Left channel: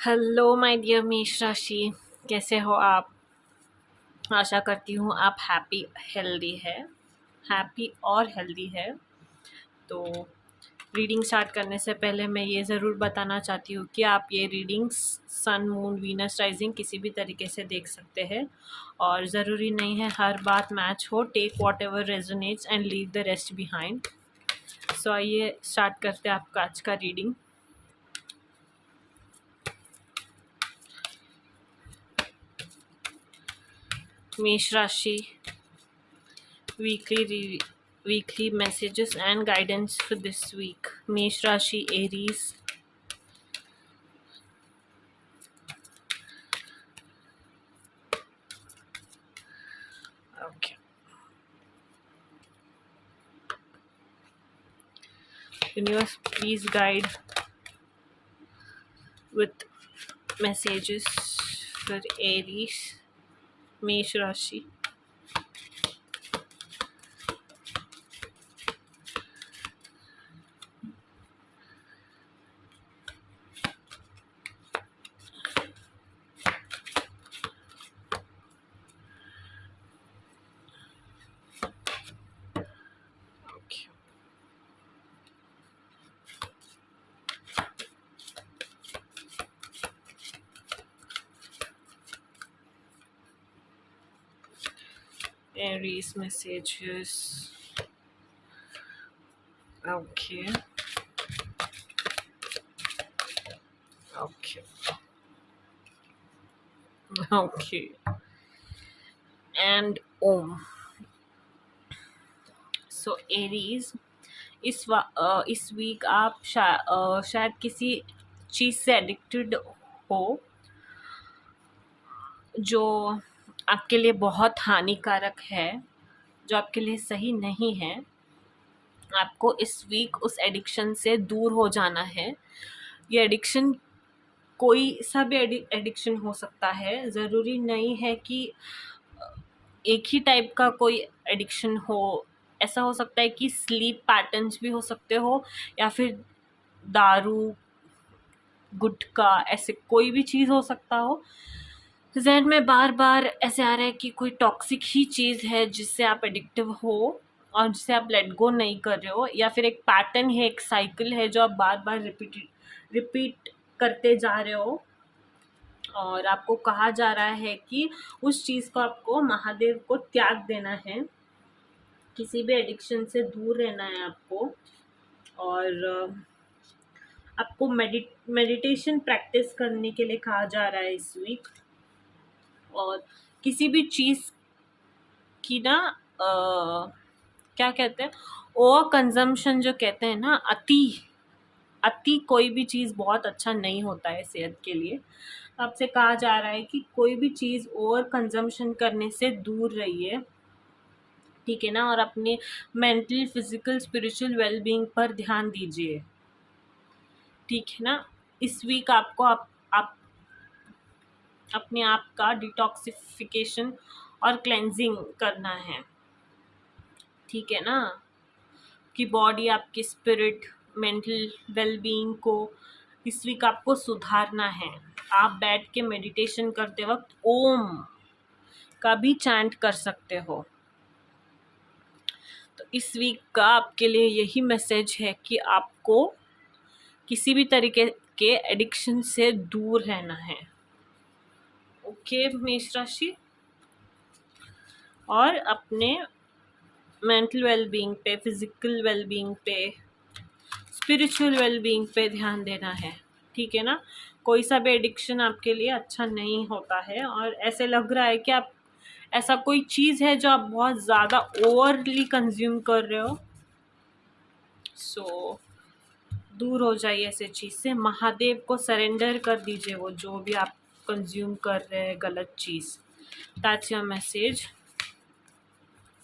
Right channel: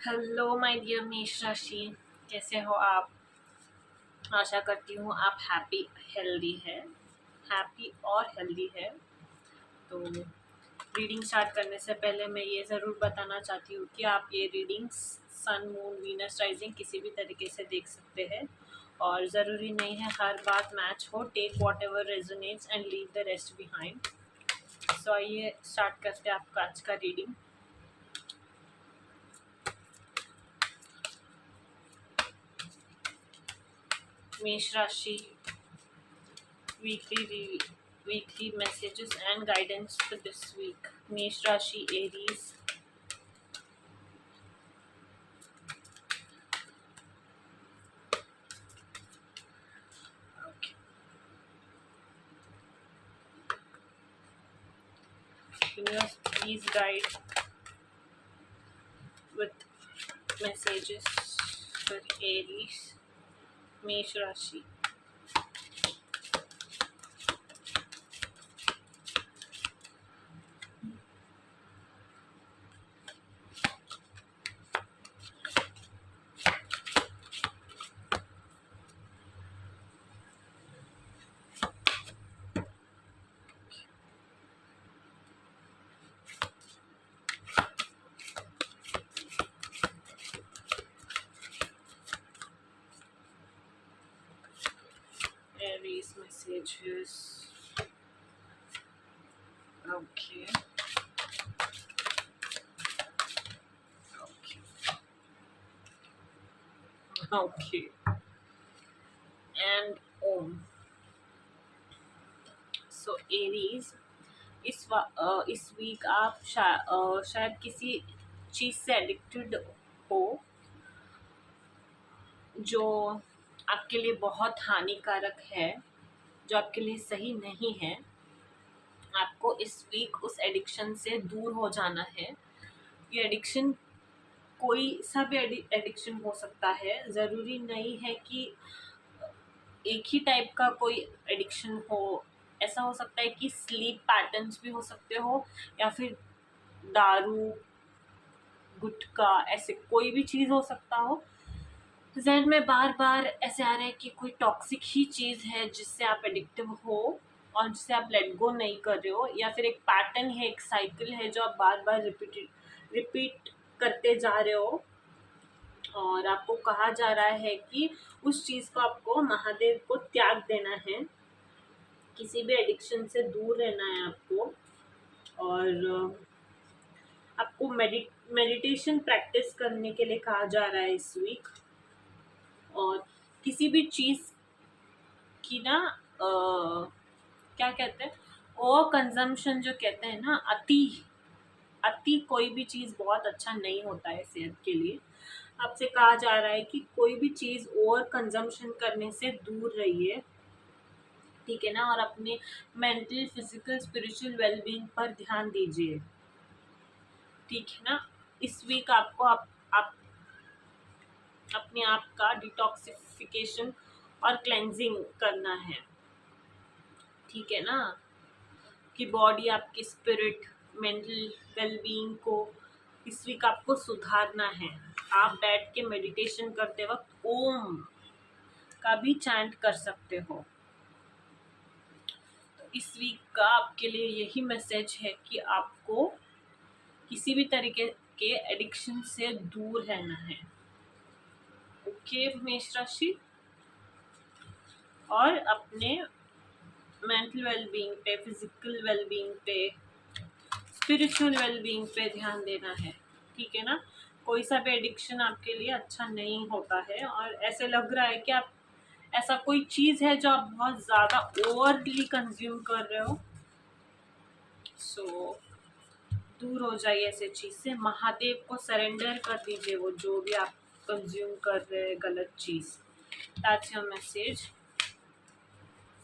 Hello my dear मेष राशि। कैसे हो आप? आशा करती हूँ आप हैप्पी और हेल्दी है। तो रीडिंग स्टार्ट करने से पहले मैं ये ज़रूर बताना चाहती हूँ कि आप ये readings sun moon Venus rising किसी भी तरीके से देख सकते हैं और ज़रूरी नहीं है हर बात मैच हो। Take whatever resonates and leave the rest behind. So आइए स्टार्ट करते हैं आपका आज का रीडिंग। मेष राशि weekly messages and guidance for this week. Mesh Rashi, Aries. Okay. Universe, please guide with messages for Aries, Mesh Rashi. Okay. Aries messages. Okay. Okay. Okay. And Om. So Aries, इस week आप शायद किसी चीज़ से addicted हो जो आपके लिए बहुत हानिकारक है, जो आपके लिए सही नहीं है। आपको इस वीक उस एडिक्शन से दूर हो जाना है। ये एडिक्शन कोई सा भी एडिक्शन हो सकता है, ज़रूरी नहीं है कि एक ही टाइप का कोई एडिक्शन हो। ऐसा हो सकता है कि स्लीप पैटर्न्स भी हो सकते हो, या फिर दारू, गुटखा, ऐसे कोई भी चीज़ हो सकता हो। ज़हन में बार बार ऐसे आ रहा है कि कोई टॉक्सिक ही चीज़ है जिससे आप एडिक्टिव हो और जिसे आप लेट गो नहीं कर रहे हो, या फिर एक पैटर्न है, एक साइकिल है जो आप बार बार रिपीट करते जा रहे हो। और आपको कहा जा रहा है कि उस चीज़ को आपको महादेव को त्याग देना है, किसी भी एडिक्शन से दूर रहना है आपको। और आपको मेडिटेशन प्रैक्टिस करने के लिए कहा जा रहा है इस वीक। और किसी भी चीज़ की ना क्या कहते हैं, ओवर कंजम्पशन जो कहते हैं ना, अति कोई भी चीज़ बहुत अच्छा नहीं होता है सेहत के लिए। आपसे कहा जा रहा है कि कोई भी चीज़ ओवर कंजम्पशन करने से दूर रहिए, ठीक है ना। और अपने मेंटल, फिजिकल, स्पिरिचुअल वेलबींग पर ध्यान दीजिए, ठीक है ना। इस वीक आपको आप अपने आप का डिटॉक्सिफिकेशन और क्लेंजिंग करना है, ठीक है ना। कि बॉडी, आपकी स्पिरिट, मेंटल वेलबींग को इस वीक आपको सुधारना है। आप बैठ के मेडिटेशन करते वक्त ओम का भी चैंट कर सकते हो। तो इस वीक का आपके लिए यही मैसेज है कि आपको किसी भी तरीके के एडिक्शन से दूर रहना है। ओके मेष राशि, और अपने मेंटल वेलबींग पे, फिजिकल वेलबींग पे, स्पिरिचुअल वेलबींग पे ध्यान देना है, ठीक है ना। कोई सा भी एडिक्शन आपके लिए अच्छा नहीं होता है, और ऐसे लग रहा है कि आप ऐसा कोई चीज़ है जो आप बहुत ज़्यादा ओवरली कंज्यूम कर रहे हो। सो दूर हो जाइए ऐसे चीज़ से, महादेव को सरेंडर कर दीजिए वो जो भी आप कंज्यूम कर रहे हैं गलत चीज़। That's your message.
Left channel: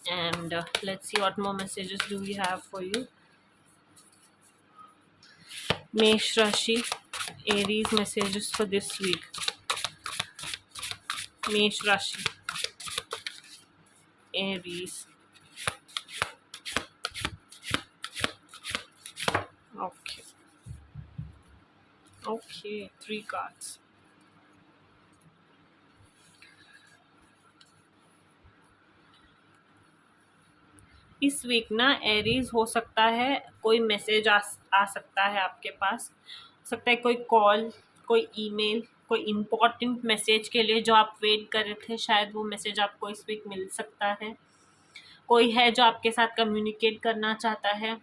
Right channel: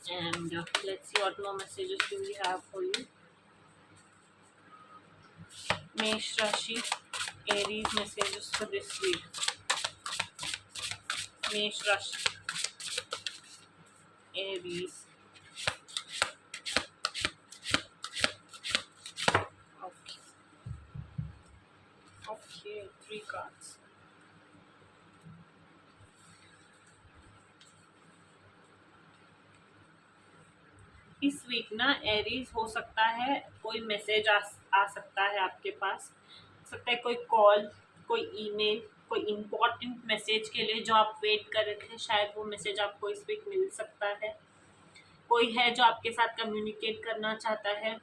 And let's see what more messages do we have for you. Mesh Rashi, Aries messages for this week. Mesh Rashi, Aries. Okay. Okay, 3 cards. इस वीक ना एरीज हो सकता है कोई मैसेज आ सकता है आपके पास, हो सकता है कोई कॉल, कोई ईमेल, कोई इम्पोर्टेंट मैसेज के लिए जो आप वेट कर रहे थे, शायद वो मैसेज आपको इस वीक मिल सकता है। कोई है जो आपके साथ कम्युनिकेट करना चाहता है,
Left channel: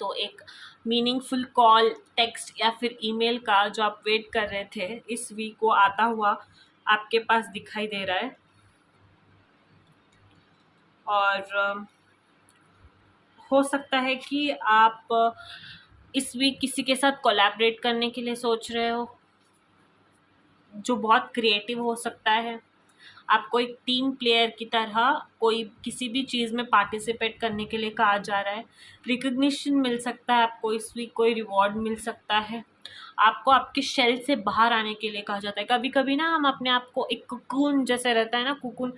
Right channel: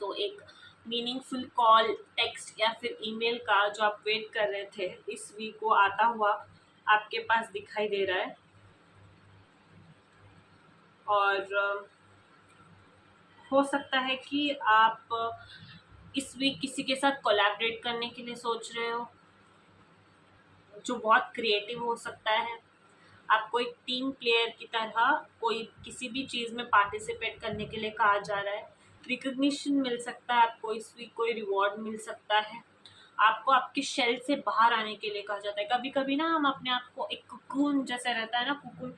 तो एक मीनिंगफुल कॉल, टेक्स्ट या फिर ईमेल का जो आप वेट कर रहे थे, इस वीक वो आता हुआ आपके पास दिखाई दे रहा है। और हो सकता है कि आप इस वीक किसी के साथ कोलैबोरेट करने के लिए सोच रहे हो, जो बहुत क्रिएटिव हो सकता है। आपको एक टीम प्लेयर की तरह कोई किसी भी चीज़ में पार्टिसिपेट करने के लिए कहा जा रहा है। रिकग्निशन मिल सकता है आपको इस वीक, कोई रिवॉर्ड मिल सकता है। आपको आपके शेल से बाहर आने के लिए कहा जाता है। कभी कभी ना हम अपने आप को एक कुकून जैसे रहता है ना, कुकून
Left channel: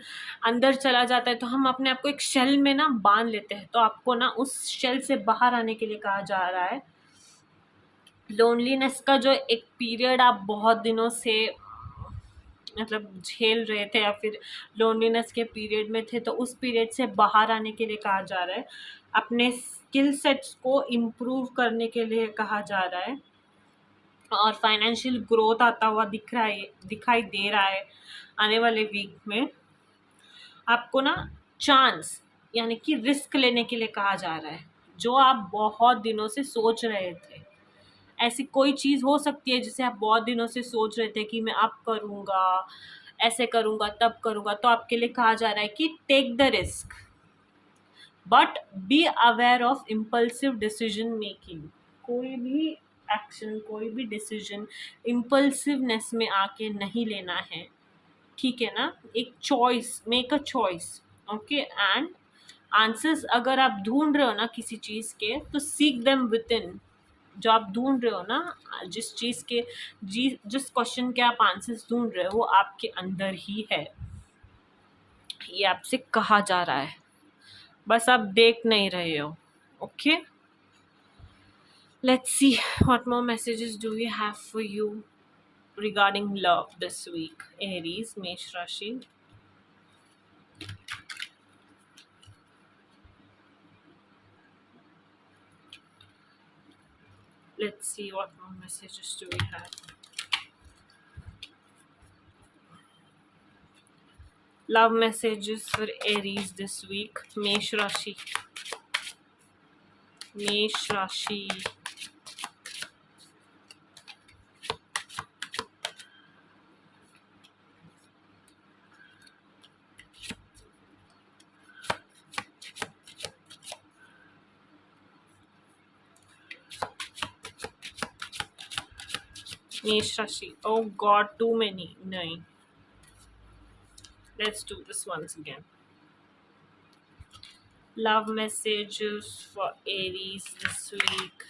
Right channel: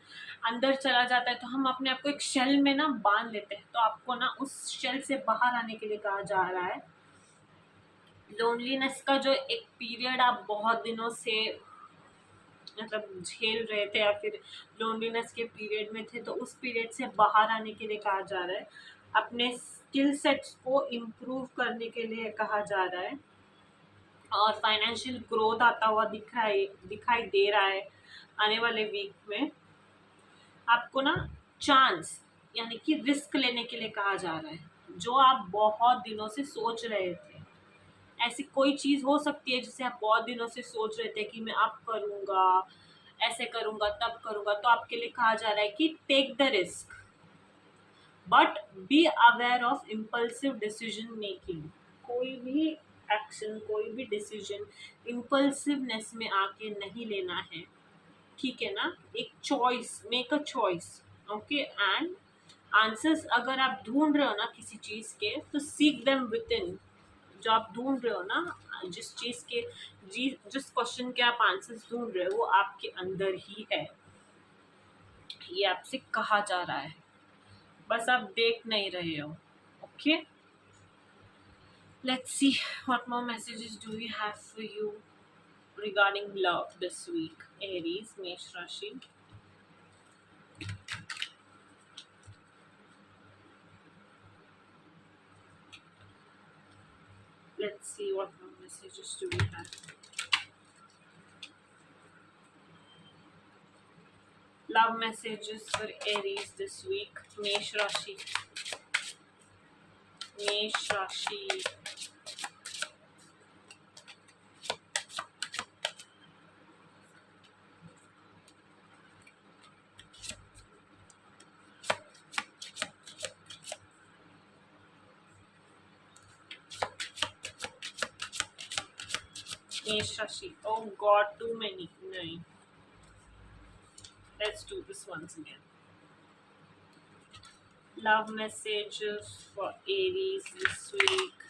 अंदर चला जाता है, तो हम अपने आप को एक शेल में ना बांध लेते हैं। तो आपको ना उस शेल से बाहर आने के लिए कहा जा रहा है। लोनलीनेस का जो एक पीरियड आप बहुत दिनों से मतलब झेल रहे थे, या फिर लोनलीनेस के पीरियड में थे, तो उस पीरियड से बाहर आने के लिए कहा जा रहा है। अपने स्किल सेट्स को इम्प्रूव करने के लिए कहा जा रहा है। और फाइनेंशियल ग्रोथ आता हुआ दिखाई दे रहा है आने वाले वीक में। आपको ना चांस यानी कि रिस्क लेने के लिए कहा जा रहा है, जो आप बहुत दिनों से सोच रहे थे। ऐसी कोई चीज़ हो सकती है जिसे आप बहुत दिनों से सोच रहे थे कि मैं अब करूँगा, ऐसे करूँगा, तब करूँगा, तो आपके लिए कहा जा रहा है कि take the risk, but be aware of impulsive decision making. कोई भी एक्शन, कोई भी डिसीजन इम्पल्सिवनेस में आके नहीं लेना है, ठीक है ना। एक choice, make a choice, okay. And answers अगर आप ढूंढ रहे हो ना किसी चीज़ के, तो सीक देम विद इन। जो आप ढूंढ रहे हो ना, जिस चीज़ के जिस क्वेश्चन के आप आंसर्स ढूंढ रहे हो, वो आपके अंदर ही है। ये आपसे कहा जा रहा है, बस आप देख नहीं रहे हो। Okay, let's see what more messages do we have for you regarding love this week, Aries, Mesh Rashi. Let's see what more messages do we have. Love messages for Aries this week, Mesh Rashi. Mesh Rashi. Mesh Rashi. Oh God, too many. Nine. Let's do this once again. Love messages for Aries this week.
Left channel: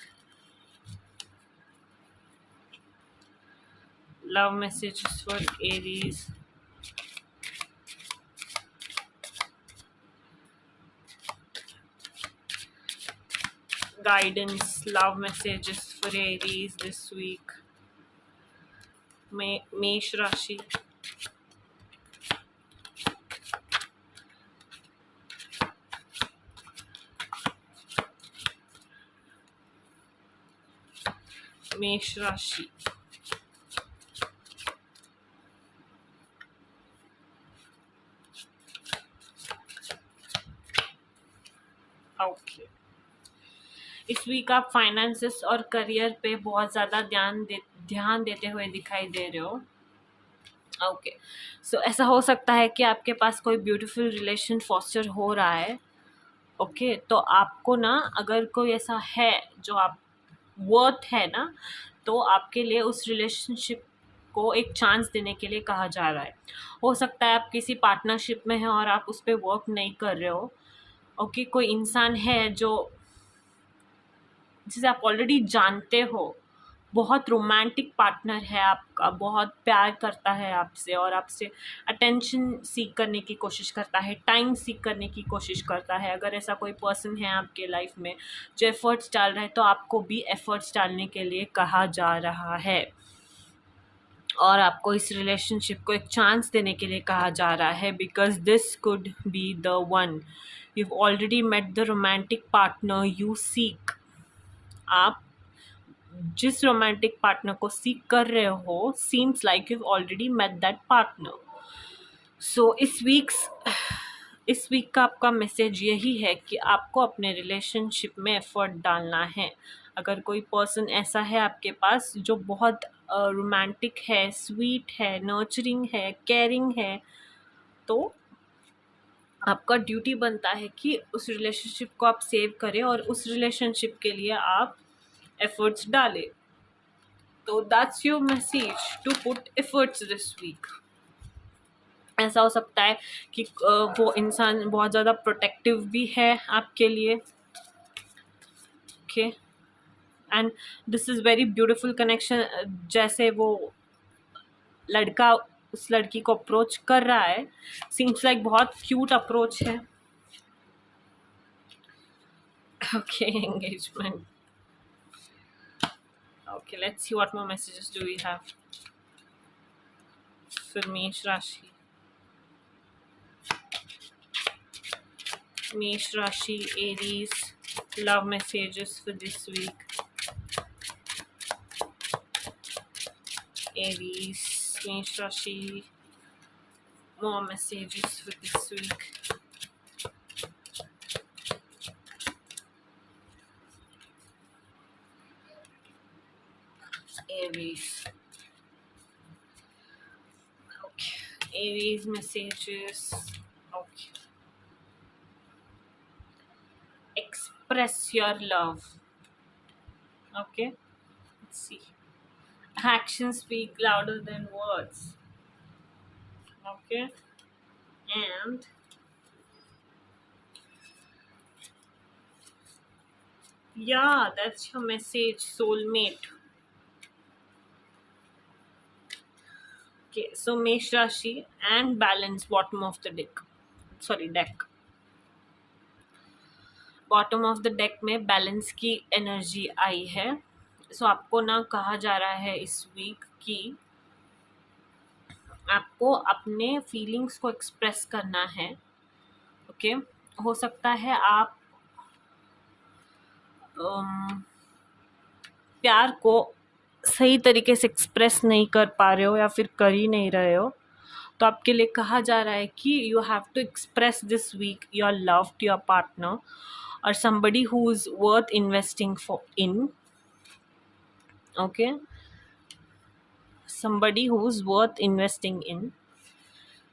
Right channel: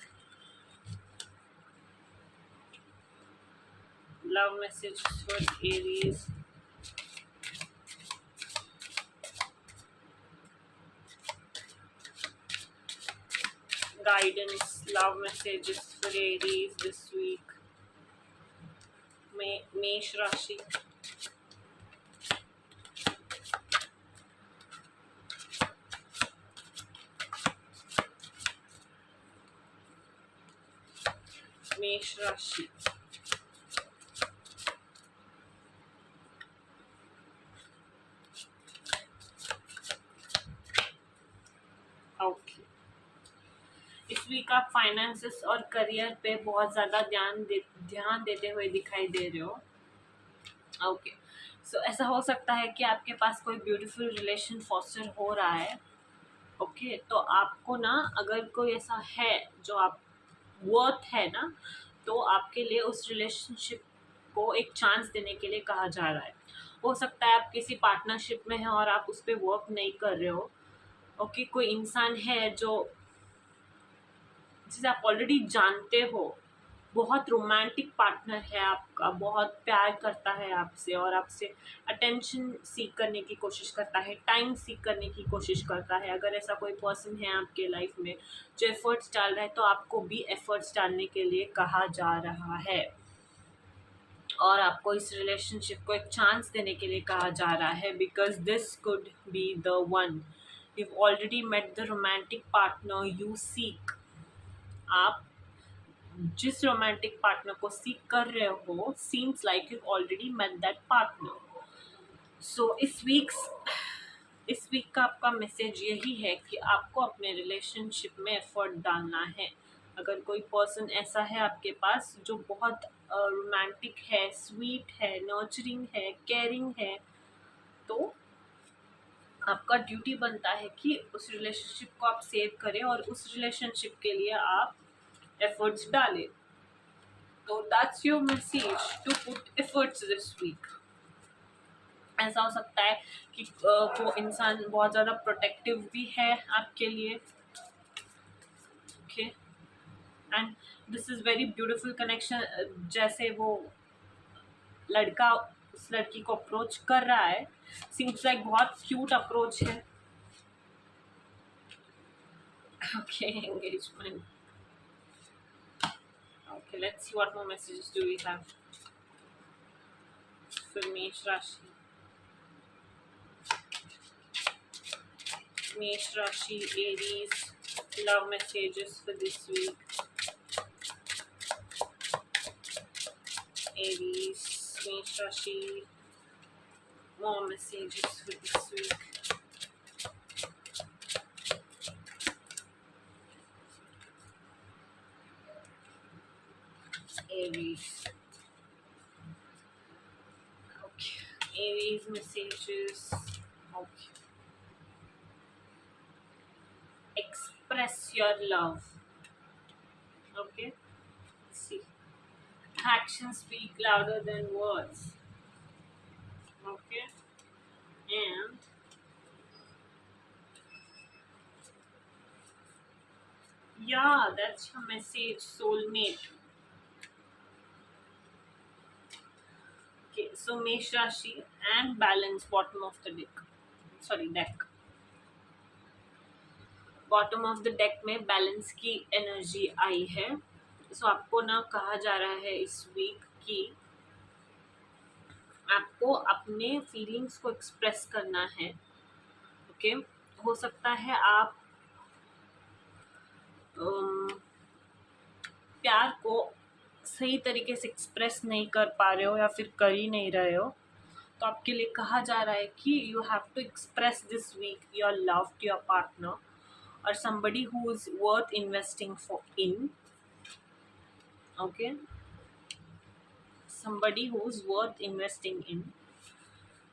Love messages for Aries. Guidance, love messages for Aries this week. Mesh Rashi. Mesh Rashi. Okay, इस week आप finances और career पे बहुत ज़्यादा ध्यान देते हुए दिखाई दे रहे हो। ओके, सो ऐसा हो सकता है कि आपके पास कोई ब्यूटीफुल रिलेशन फॉस्टर हो रहा है। ओके, तो आपको ना अगर कोई ऐसा है जो आप वर्थ है ना, तो आपके लिए उस रिलेशनशिप को एक चांस देने के लिए कहा जा रहा है। हो सकता है आप किसी पार्टनरशिप में हैं और आप उस पर वर्क नहीं कर रहे हो। ओके, कोई इंसान है जो जिसे आप ऑलरेडी जानते हो, बहुत रोमांटिक पार्टनर है आपका, बहुत प्यार करता है आपसे और आपसे अटेंशन सीख करने की कोशिश करता है, टाइम सीख करने की कोशिश करता है। अगर ऐसा कोई पर्सन है आपके लाइफ में जो एफर्ट्स डाल रहा है, तो आपको भी एफर्ट्स डालने के लिए कहा जा रहा है और आपको इस रिलेशनशिप को एक चांस देने के लिए कहा जा रहा है, because this could be the one. you've already met the romantic partner you seek. आप जिस रोमांटिक पार्टनर को सीख कर रहे हो, seems like you already met that partner. So इस वीक का आपका मैसेज यही है कि आपको अपने रिलेशनशिप में एफर्ट डालना है. अगर कोई पर्सन ऐसा है आपके पास जो बहुत रोमांटिक है, स्वीट है, नर्चरिंग है, केयरिंग है, तो आपका ड्यूटी बनता है कि उस रिलेशनशिप को आप सेव करें और उस रिलेशनशिप के लिए आप एफर्ट्स डालें. तो that's your message, to put efforts this week. ऐसा हो सकता है कि वो इंसान बहुत ज़्यादा प्रोटेक्टिव भी है आपके लिए. Okay, and this is very beautiful connection. जैसे वो लड़का उस लड़की को अप्रोच कर रहा है, सीम्स लाइक बहुत क्यूट अप्रोच है. Okay, engagement. Okay, let's see what more messages do we have for Mesh Rashi. Mesh Rashi, Aries, love messages for this week. Aries, Mesh Rashi, more messages for this week. Aries. Okay, Aries messages. Okay. Express your love. Okay, let's see. Actions speak louder than words. Okay, and yeah, that's your message, soulmate. Okay, so Mesh Rashi and balance, bottom of the deck. Bottom of the deck में balance की energy आई है. सो आपको ना कहा जा रहा है इस वीक कि आपको अपने फीलिंग्स को एक्सप्रेस करना है. ओके, हो सकता है आप प्यार को सही तरीके से एक्सप्रेस नहीं कर पा रहे हो या फिर कर ही नहीं रहे हो. तो आपके लिए कहा जा रहा है कि you have to express this week your love to your partner or somebody who is worth investing in. Okay, somebody who is worth investing in.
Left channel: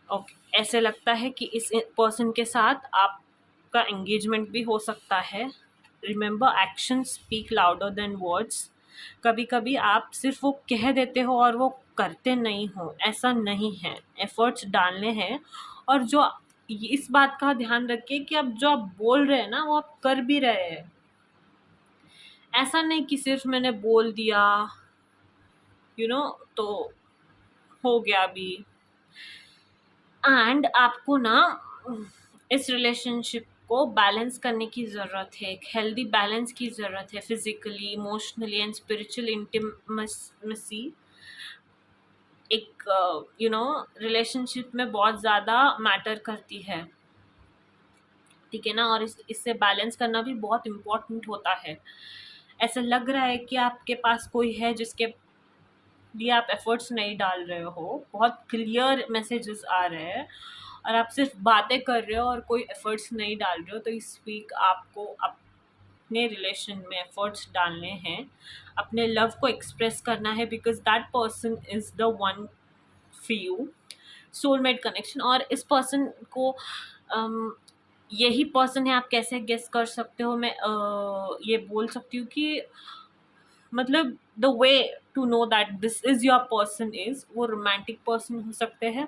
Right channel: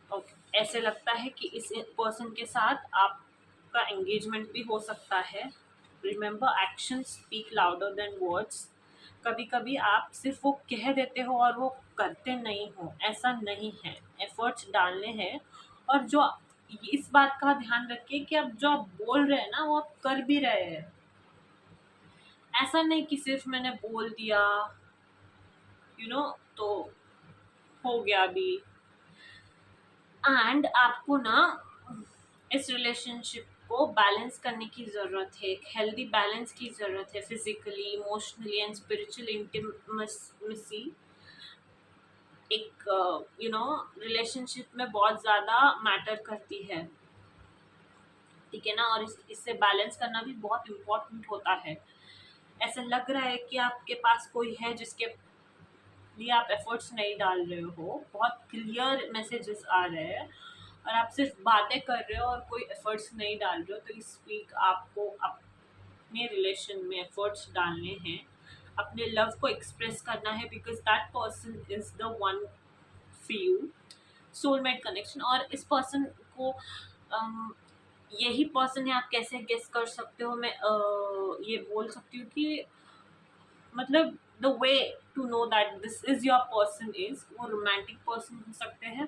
Okay, ऐसे लगता है कि इस पर्सन के साथ आपका एंगेजमेंट भी हो सकता है. Remember, action speak louder than words. कभी कभी आप सिर्फ वो कह देते हो और वो करते नहीं हो, ऐसा नहीं है. एफर्ट्स डालने हैं, और जो इस बात का ध्यान रखिए कि अब जो आप बोल रहे हैं ना, वो आप कर भी रहे हैं. ऐसा नहीं कि सिर्फ मैंने बोल दिया तो हो गया अभी. एंड आपको ना इस रिलेशनशिप को बैलेंस करने की ज़रूरत है. एक हेल्दी बैलेंस की ज़रूरत है, physically, emotionally and spiritual intimacy. एक रिलेशनशिप में बहुत ज़्यादा मैटर करती है, ठीक है ना. और इससे बैलेंस करना भी बहुत इम्पोर्टेंट होता है. ऐसा लग रहा है कि आपके पास कोई है जिसके लिए आप एफर्ट्स नहीं डाल रहे हो. बहुत क्लियर मैसेजेस आ रहे हैं और आप सिर्फ बातें कर रहे हो और कोई एफर्ट्स नहीं डाल रहे हो. तो इस वीक आपको अपने रिलेशन में एफर्ट्स डालने हैं, अपने लव को एक्सप्रेस करना है, because that person is the one for you. Soulmate connection. और इस पर्सन को यही पर्सन है. आप कैसे गेस कर सकते हो? मैं ये बोल सकती हूँ कि मतलब the way to know that this is your person is, वो रोमांटिक पर्सन हो सकते हैं,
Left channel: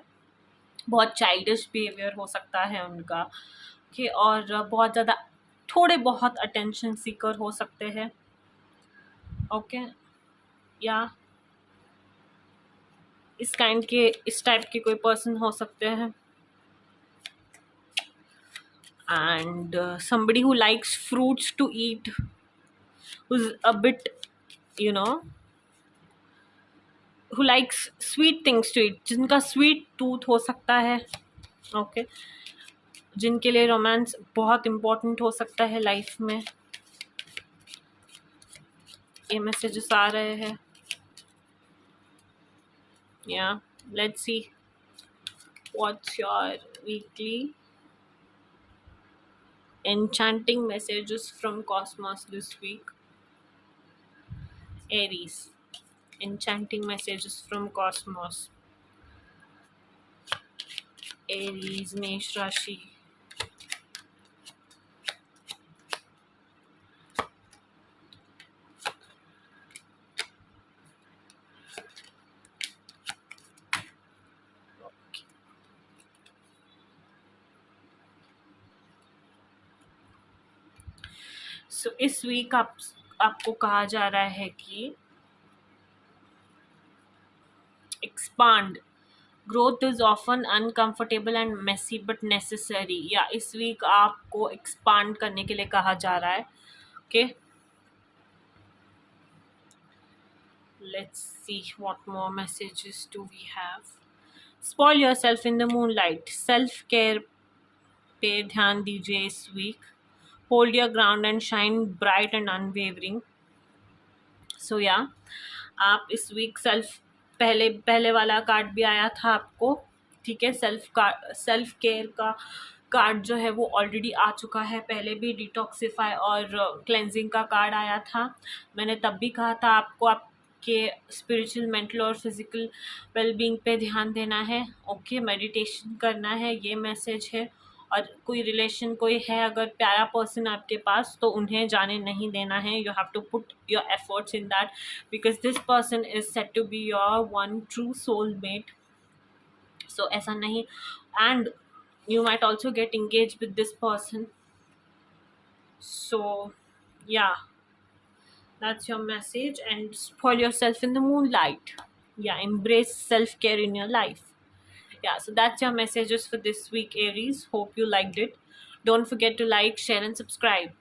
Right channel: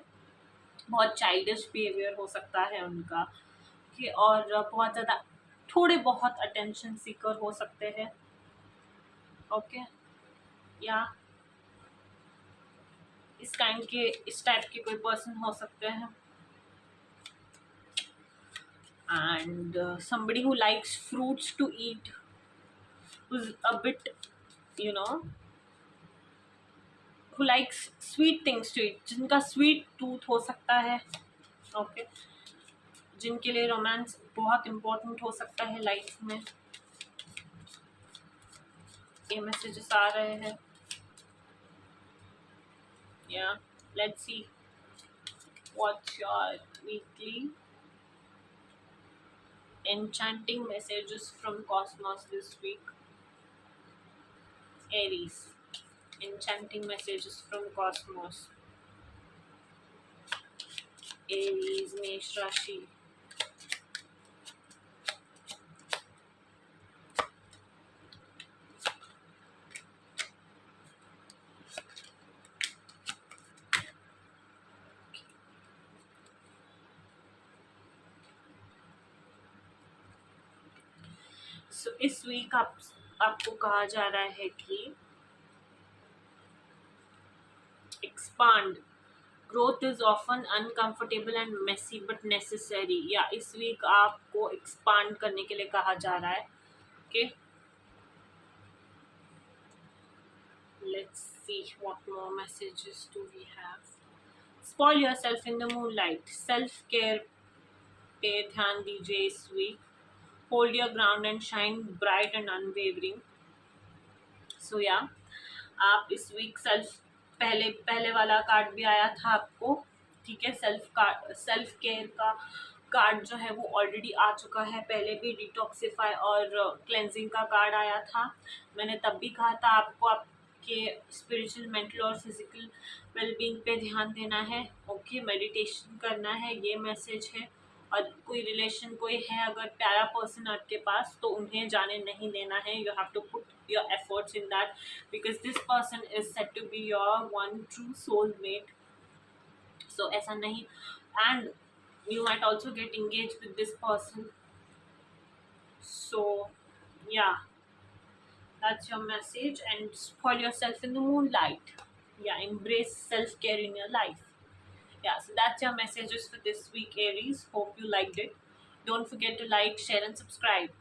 बहुत चाइल्डिश बिहेवियर हो सकता है उनका, ओके, और बहुत ज़्यादा थोड़े बहुत अटेंशन सीकर हो सकते हैं. ओके, या इस टाइप के कोई पर्सन हो सकते हैं. And somebody who likes fruits to eat, who's a bit who likes sweet things to eat, जिनका स्वीट टूथ हो सकता है. ओके, जिनके लिए रोमांस बहुत इम्पोर्टेंट हो सकता है लाइफ में, ये मैसेजेस आ रहे हैं। या let's see what's your weekly enchanting messages from cosmos this week. Aries, enchanting messages from cosmos. Aries, Mesh Rashi. So इस वीक आपको कहा जा रहा है कि expand. Growth is often uncomfortable and messy but necessary. या इस वीक आपको expand करने के लिए कहा जा रहा है. Okay. Let's see what more messages do we have. Spoil yourself in the moonlight. Self care पे ध्यान दीजिए इस week. Hold your ground and shine bright and unwavering. So yeah, आप इस वीक पहले वाला कार्ड भी आया था आपको, ठीक है. सेल्फ केयर का कार्ड जो है वो ऑलरेडी आ चुका है. पहले भी डिटॉक्सिफाई और क्लेंजिंग का कार्ड आया था. मैंने तब भी कहा था आपको आपके स्पिरिचुअल, मेंटल और फिजिकल वेलबींग पे ध्यान देना है. ओके, मेडिटेशन करना है, ये मैसेज है. और कोई रिलेशन कोई है अगर प्यारा पर्सन आपके पास, तो उन्हें जाने नहीं देना है. You have to put your efforts in that because this person is set to be your one true soulmate. So ऐसा नहीं, and you might also get engaged with this person. So yeah, that's your message. And spoil yourself in the moonlight. Yeah, embrace self-care in your life. Yeah, so that's your messages for this week, Aries. Hope you liked it. Don't forget to like, share and subscribe.